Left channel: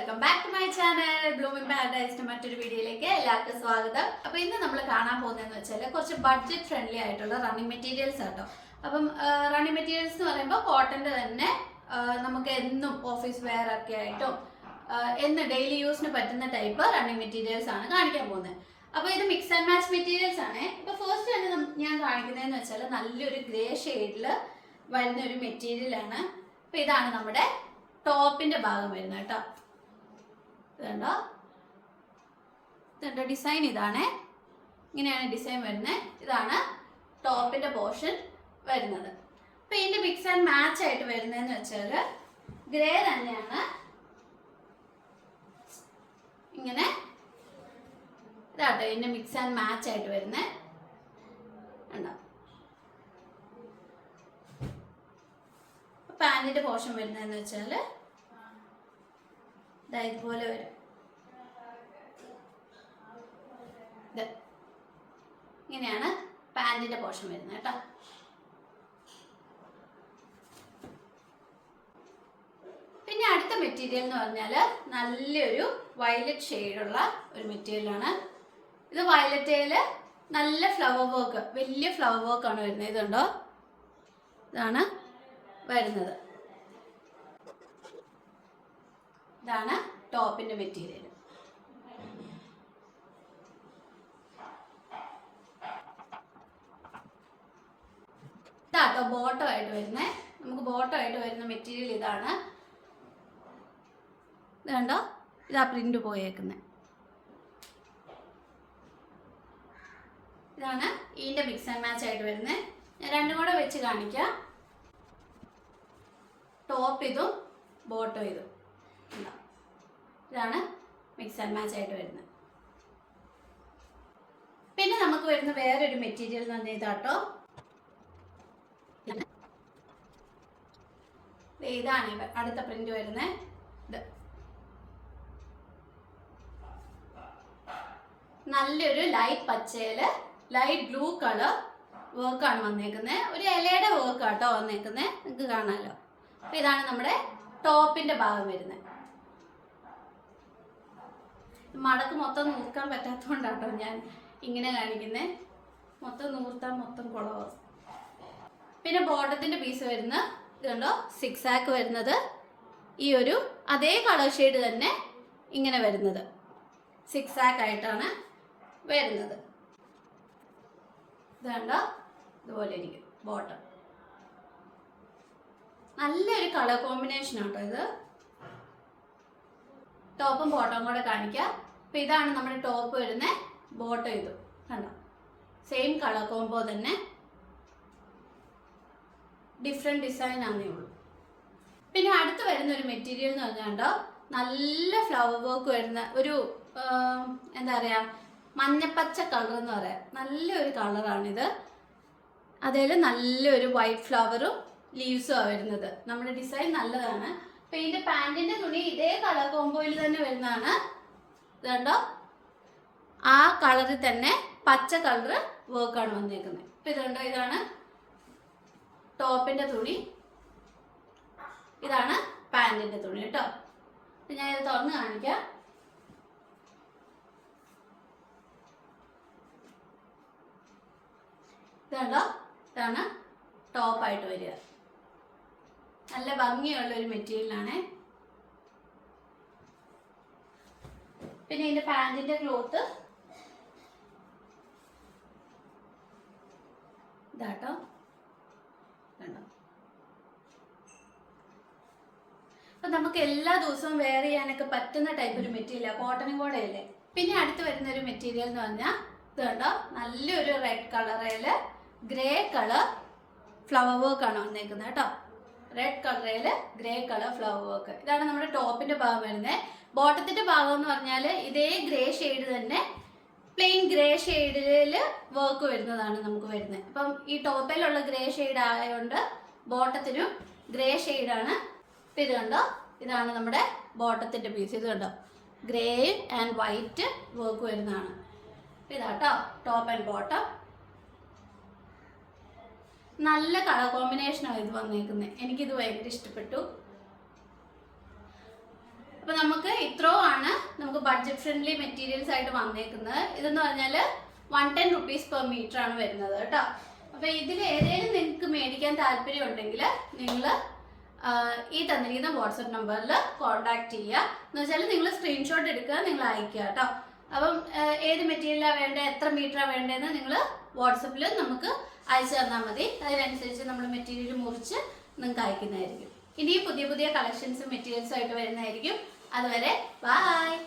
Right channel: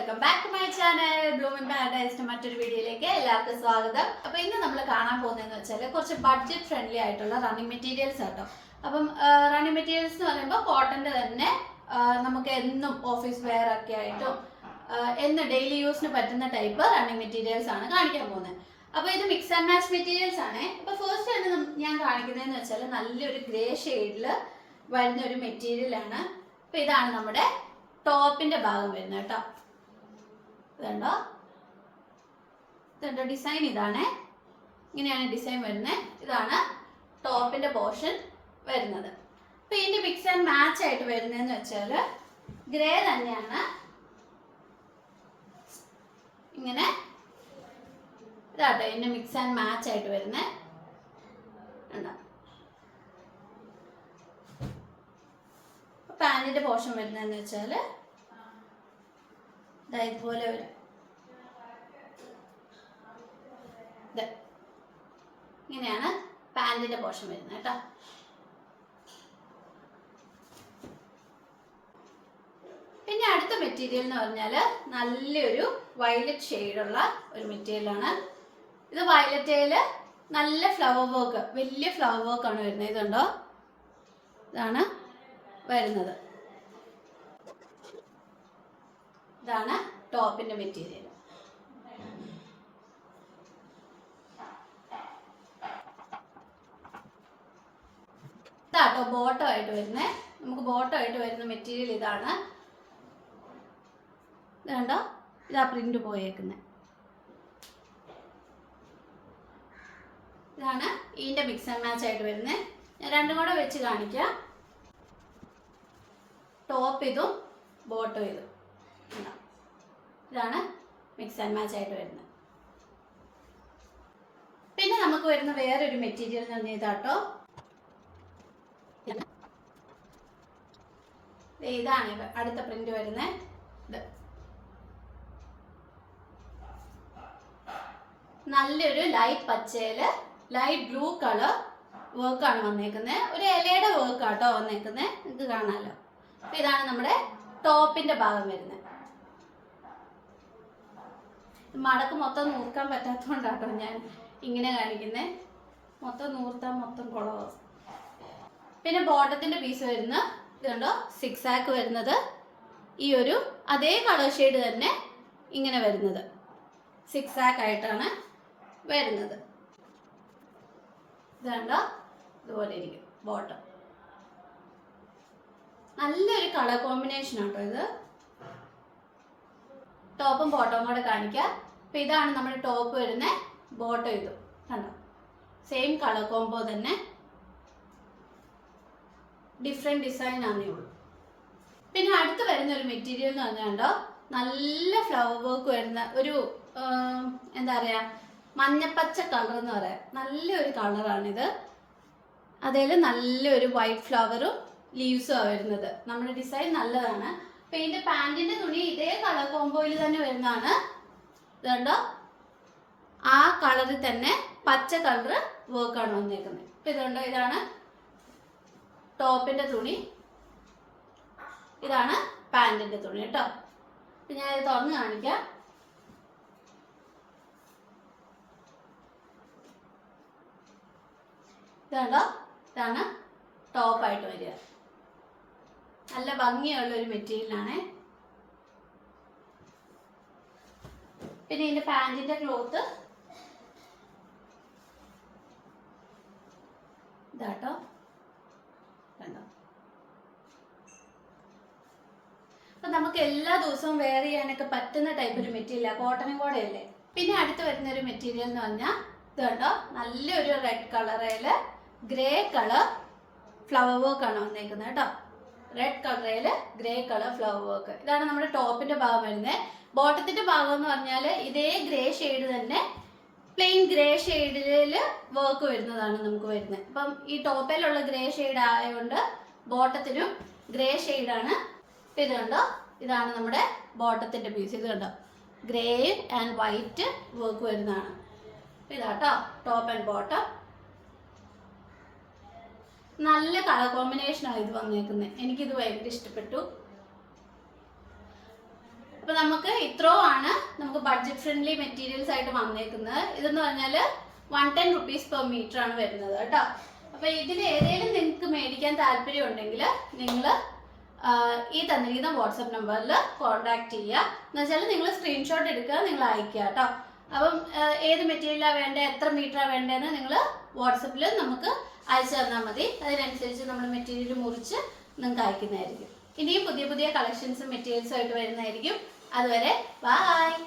welcome back to my channel bloomin പാരഡൈസിന്റെ മറ്റൊരു വീഡിയോയിലേക്ക് എല്ലാവർക്കും സ്വാഗതം അപ്പോൾ ഇന്ന് നമ്മൾ കാണാൻ പോകുന്നതെന്ന് വെച്ചാൽ കുറച്ച് ബഡ്ജറ്റ് ഫ്രണ്ട്ലി ആയിട്ടുള്ള റണ്ണിങ് മെറ്റീരിയൽസ് ആട്ടോ അപ്പം റണ്ണിങ് മെറ്റീരിയൽസ് എന്ന് പറയുമ്പോൾ കോട്ടന്റെ തന്നെ നമുക്ക് എന്നും ഓഫീസ് വെയർ ഒക്കെ ആയിട്ടും എന്ന് ഡെയിലി യൂസിന് പറ്റുന്ന ടൈപ്പ് റണ്ണിങ് മെറ്റീരിയൽസ് ആണ് കാണിക്കാൻ പോകുന്നത് അപ്പോൾ ഇത് മിക്സ് ആൻഡ് മാച്ച് മെറ്റീരിയൽസ് ആണ് അപ്പോൾ ഫസ്റ്റ് തന്നെ ഞാൻ കാണിക്കുന്നതെന്ന് വെച്ചാൽ നല്ലൊരു ഗ്രേ ഷെയ്ഡില് വരുന്ന ഒരു മെറ്റീരിയൽ ആണ് അപ്പോൾ ഇതാണ് നമ്മുടെ ടോപ്പിന്റെ ഭാഗം വരുന്നത് കേട്ടോ ഇതുണ്ടോ ഇതുണ്ടോ ഡിസൈൻ ഇതാണ് ഇങ്ങനെയാണ് ഡിസൈൻ വരുന്നത് ഇതാണ് ടോപ്പിന്റെ പോർഷൻ വരുന്നത് അപ്പൊ ഇതിന്റെ മിക്സ് ആൻഡ് മാച്ച് ആയിട്ട് വരുന്നതെന്ന് വെച്ചാൽ ഗ്രേ തന്നെയാണ് ഇങ്ങനെ ഇതാട്ടോ ഇതിന്റെ മിക്സ് ആൻഡ് മാച്ച് ആയിട്ട് വരുന്നത് ഉണ്ടാവും പാൻറ്റിൻ്റെ പോർഷൻ വരുന്നതെന്ന് വെച്ചാൽ ഇതുപോലെ വരും ഇങ്ങനെയാണ് പാൻറ്റിൻ്റെ പോർഷൻ വരുന്നത് കേട്ടോ പിന്നെ അടുത്ത മെറ്റീരിയൽ എന്ന് പറഞ്ഞാൽ നല്ലൊരു വയലറ്റ് ഷെയ്ഡുള്ള ഒരു മെറ്റീരിയലാണ് ഇത് വയലറ്റയിൽ നല്ല ഫ്ലവർ വർക്ക് വലിയ ഫ്ലവർ വർക്കാണ് വരുന്നത് ഇതുണ്ടോ ഇതാണ് വരുന്നത് ഇതാണ് ടോപ്പിൻ്റെ മെറ്റീരിയൽ ഇതാട്ടോ ബോട്ടോ ആയിട്ട് വരുന്നത് നമുക്ക് ബോട്ടോ ആയിട്ട് വരുന്ന മെറ്റീരിയൽ ഇതാണ് ഇതുണ്ടോ ഇതാ പ്രിന്റ് പോയേക്കുന്നത് ഇതാണ് ഇതിൻ്റെ മിക്സ് ആൻഡ് മാച്ച് ആയിട്ട് വരുന്നത് ഞാൻ രണ്ടും കൂടെ വെച്ച് കാണിക്കാം ടോപ്പ് ഇതും ബോട്ടോ ഇതും ഉണ്ടോ ഇതാണ് മിക്സ് ആൻഡ് മാച്ച് ആയിട്ട് വരുന്നത് പിന്നെ നമുക്ക് വരുന്ന വേറൊരു മെറ്റീരിയൽ തന്നെ ഇതാട്ടോ ഇതാണ് അടുത്ത പ്രിന്റ് വരുന്നത് ഇത് നല്ലൊരു ലൈറ്റ് പച്ചയില് ലൈറ്റ് ബ്ലൂ കളർ വർക്കാണ് വന്നേക്കുന്നത് ഒരു ഇലയുടെ വർക്കാട്ടോ വന്നേക്കുന്നത് നിങ്ങൾക്ക് കാണാമല്ലോ ഇതാണ് നമ്മുടെ ടോപ്പിന്റെ ഭാഗം വരുന്നത് മടക്ക് മൊത്തം നൂർക്കാൻ പറ്റാത്തതുകൊണ്ടാട്ടോ ഞാൻ ഇങ്ങനെ കാണിക്കുന്നത് മൊത്തം നൂർത്താൻ മൊത്തം കുളവ് പിന്നെ ബോട്ടത്തിൻ്റെ പീസ് വരുന്ന ഇതുണ്ടോ സിക്സ് ആക്ക് വരുന്നത് ഈ ഒരു അതേ കളർ ഷെയ്ഡ് തന്നെ ഇങ്ങനെ വരുന്നത് സിക്സ് ആക്ക് ആയിട്ടാണ് വരുന്നത് ഇതുണ്ടോ ഇതുപോലെ ഇരിക്കും ബോട്ടം നല്ലൊരു കളർ കോമ്പിനേഷൻ ആട്ടോ ഇത് ടോപ്പും ബോട്ടവും കൂടെ കാണിക്കാം അപ്പം ഇതാണ് നമ്മുടെ ടോപ്പ് വരുന്ന ബോട്ടം ഇതും കണ്ടോ സെയിം കളർ കോംബോ തന്നെ ഡിഫറെൻറ്റ് ഡിസൈൻ ആണേ ഉള്ളൂ പിന്നെ അടുത്ത് വരുന്ന ഒരു മെറ്റീരിയൽ എന്ന് പറഞ്ഞാണ്ടോ നല്ല ഫ്ലവർ വർക്ക് വരുന്ന ഒരു എന്താ പറയുക മഞ്ഞപ്പച്ച കളർ എന്ന് പറയാം നല്ലൊരു കളറാണിത് അതായത് നല്ലൊരു വൈറ്റ് ഫ്ലവറും ലീവ്സും ആണ് വരുന്നത് നമ്മുടെ ഡിസൈൻ നല്ലതാണ് പെയിന്റ് പാന്റിന്റെ തുണി ഇതേ കളർ കോമ്പോയിൽ തന്നെ വരുന്നതാണ് ഇതുണ്ടോ ആ കളറിൽ തന്നെ പച്ച കളർ വർക്കാണ് വന്നേക്കുന്നത് ഇപ്പൊ ഇതുണ്ടോ ഇതാണ് ടോപ്പിന്റെ തുണി ഇതാണ് പാന്റിന്റെ തുണി കേട്ടോ ഇത് തുറന്ന് കാണിക്കാം ഇതാണോ ഇതാണ് ടോപ്പായിട്ട് വരിക നല്ല ഭംഗിയുള്ള ഒരു മെറ്റീരിയലാണ് പിന്നെ ഇതിന്റെ പാൻറ്റിന്റെ ക്ലോത്ത് ഇതാട്ടോ അപ്പൊ നമുക്ക് എല്ലാ ദിവസവും വെയർ ചെയ്യാനൊക്കെ പറ്റുന്ന ടൈപ്പ് ഒരു മെറ്റീരിയലാണ് കോട്ടനും കൂടെ അല്ലേ പിന്നെ അടുത്ത് വരുന്ന ഒരു മെറ്റീരിയൽ എന്ന് പറഞ്ഞാൽ ഇത് നല്ലൊരു റെഡ് കളറില് ഗ്രേ കളർ ഫ്ലവർ വർക്ക് ആണ് വന്നേക്കുന്നത് കേട്ടോ റെഡ് കളറിൽ ഗ്രേ കളർ ഫ്ലവർ വർക്ക് ഇതാണ് നമ്മുടെ ടോപ്പിന്റെ ഭാഗം വരുന്നത് ബോട്ടത്തിന്റെ ഭാഗം എന്ന് പറഞ്ഞാൽ ഇതേ ഗ്രേ ഷെയ്ഡ് തന്നെ പ്ലെയിൻ ഗ്രേ ഷെയ്ഡിൽ വർക്ക് വരുന്നതാണ് നമുക്ക് വരുന്നത് അപ്പം ഈ ടോപ്പിലുള്ള ഗ്രേ ഷെയ്ഡ് ആയതുകൊണ്ട് ബോട്ടത്തിനും ഗ്രേ ഷെയ്ഡാണ് ഇത് കണ്ടോ ഇതാണ് നമ്മുടെ ബോട്ടത്തിന്റെ പീസ് ഇത് കണ്ടോ ഗ്രേ ആൻഡ് വൈറ്റ് വർക്ക് വരുന്നതാണ് ഇതാട്ടോ ടോപ്പ് ആൻഡ് ബോട്ടം നല്ല കളർ കോമ്പിനേഷനാണ് ഇത് വന്നേക്കുന്നത് എനിക്കിത് ഭയങ്കര ഇഷ്ടപ്പെട്ടു അപ്പൊ നമുക്ക് ഇത്രോ ആണ് നമുക്ക് ബഡ്ജറ്റ് ഫ്രണ്ട്ലി മെറ്റീരിയൽസ് ആയിട്ട് വന്നേക്കുന്നത് ഇതെന്ന് പറഞ്ഞാൽ one ten rupees per metre ആണ് വരുന്നത് കേട്ടോ അപ്പൊ ഇതിൽ ഏതെങ്കിലും നിങ്ങൾക്ക് മേടിക്കാൻ താല്പര്യം ഉണ്ടെങ്കിൽ നിങ്ങൾ ഈ തന്നിരിക്കുന്ന വാട്സപ്പ് നമ്പറിൽ കോൺടാക്ട് ചെയ്യുക എന്ന് വെച്ചാൽ നിങ്ങൾ സ്ക്രീൻഷോട്ട് എടുക്കുക നിങ്ങൾ അയക്കുക കേട്ടോ അപ്പം ഏത് മെറ്റീരിയലാണ് വേണ്ടത് എത്ര മീറ്ററാണ് വേണ്ടതെന്ന് നിങ്ങൾ വാട്സപ്പിൽ നമുക്ക് അയച്ചു തന്നാൽ മതി അതിനനുസരിച്ച് നമ്മൾ മെറ്റീരിയൽ മുറിച്ച് നിങ്ങൾക്ക് അയക്കുന്നതായിരിക്കും ഇനിയും പുതിയ പുതിയ കളക്ഷൻസും മെറ്റീരിയൽസും ആയിട്ട് വരുന്നതായിരിക്കും അതുവരെ ബായ്